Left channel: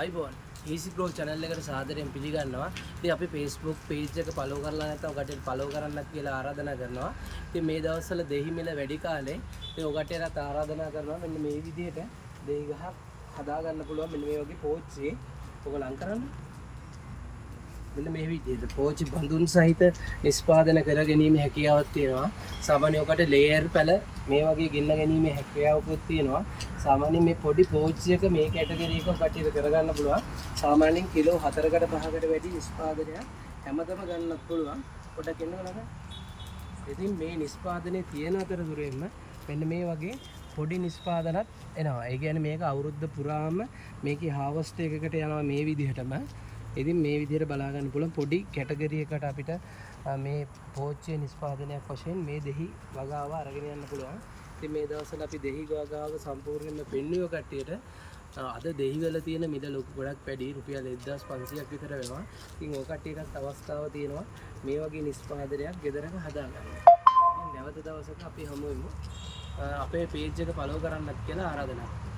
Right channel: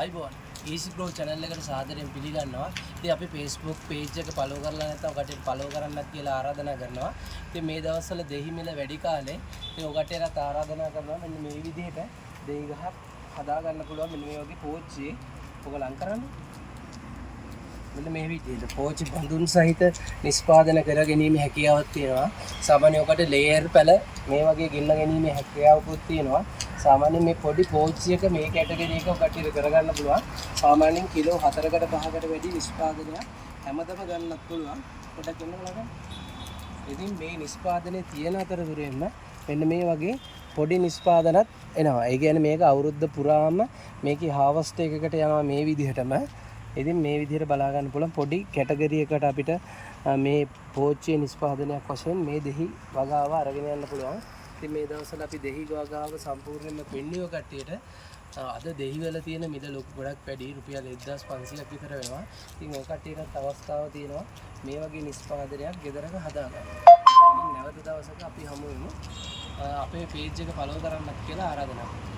අයිබෝන් Easy Grow channel එකට සාදරයෙන් පිළිගන්නවා. ඉතින් අපි Facebook page එක follow කරලා නැත්නම් ඔකටට follow කරන්නත් කියලා ආරාධනා කරනවා. ඉතින් මේ දවස්වල දෙහි මිල වැඩි කාලේ ඉතින් ඔකටට ආරාධනා කරනවා මෙන්න මේ විදිහට දෙහි ගහක් හදා ගන්න පුළුවන් මෙන්න මේ වගේ පෝච්චි ඔක ලං කරන්න. මෙන්න මේ විදිහට පෝච්චි බඳුන් සහිත නිෂ්පාදනය කර ගැනීම හැකියාවක් තියෙනවා. සාමාන්‍ය ඔකට ලේයර් පැල මේ වගේ ගෙන්න ගැනීම හැකියාවකුත් තියෙනවා. සාමාන්‍යයෙන් මේ පොඩි පෝච්චි එක මේ කැටගරි එක කටියට කරගන්න පුළුවන්. සාමාන්‍යයෙන් කිලෝ 4කට 5කට වැඩි නිෂ්පාදනයක් හැමදම ගන්නත් පුළුවන්. පොඩ්ඩක් එන්න බලන්න. ඉතින් මේ නිෂ්පාදනයේ තියෙන අතරතුරෙම මෙන්න මේ වගේ පොඩි නිෂ්පාදනත් එනවා. ඒ කියන්නේ මේක අවුරුද්ද පුරාම මේකේ හාවස්ට් එකකට යනවා මේ විදිහටම. ඉතින් මේ විදිහට බලා ගන්න පුළුවන් පොඩි කැටගරි එකකට අපිට මේ පෝච්චියේ නිෂ්පාදනයක් වශයෙන් මේ දෙහි වගාව අරගෙන යන්න පුළුවන්. ඉතින් මේ දවස්වල අපි දෙහි වගාව සම්පූර්ණයෙන්ම පෙන්වුව කට්ටියට අද දෙහි වල තියෙන මිල ලොකු ගොඩක් වැඩි රුපියල් 1500ක් විතර වෙනවා. ඉතින් ඔය කට්ටියටත් අවස්ථාව තියෙනවා මේ වගේ නිෂ්පාදනයක් ගෙදරක හදාගන්න. ඉතින් නැවත දවසක අපි හමු වෙමු. අපේ page එක follow කරන්නත් කියලා ආරාධනා කරනවා.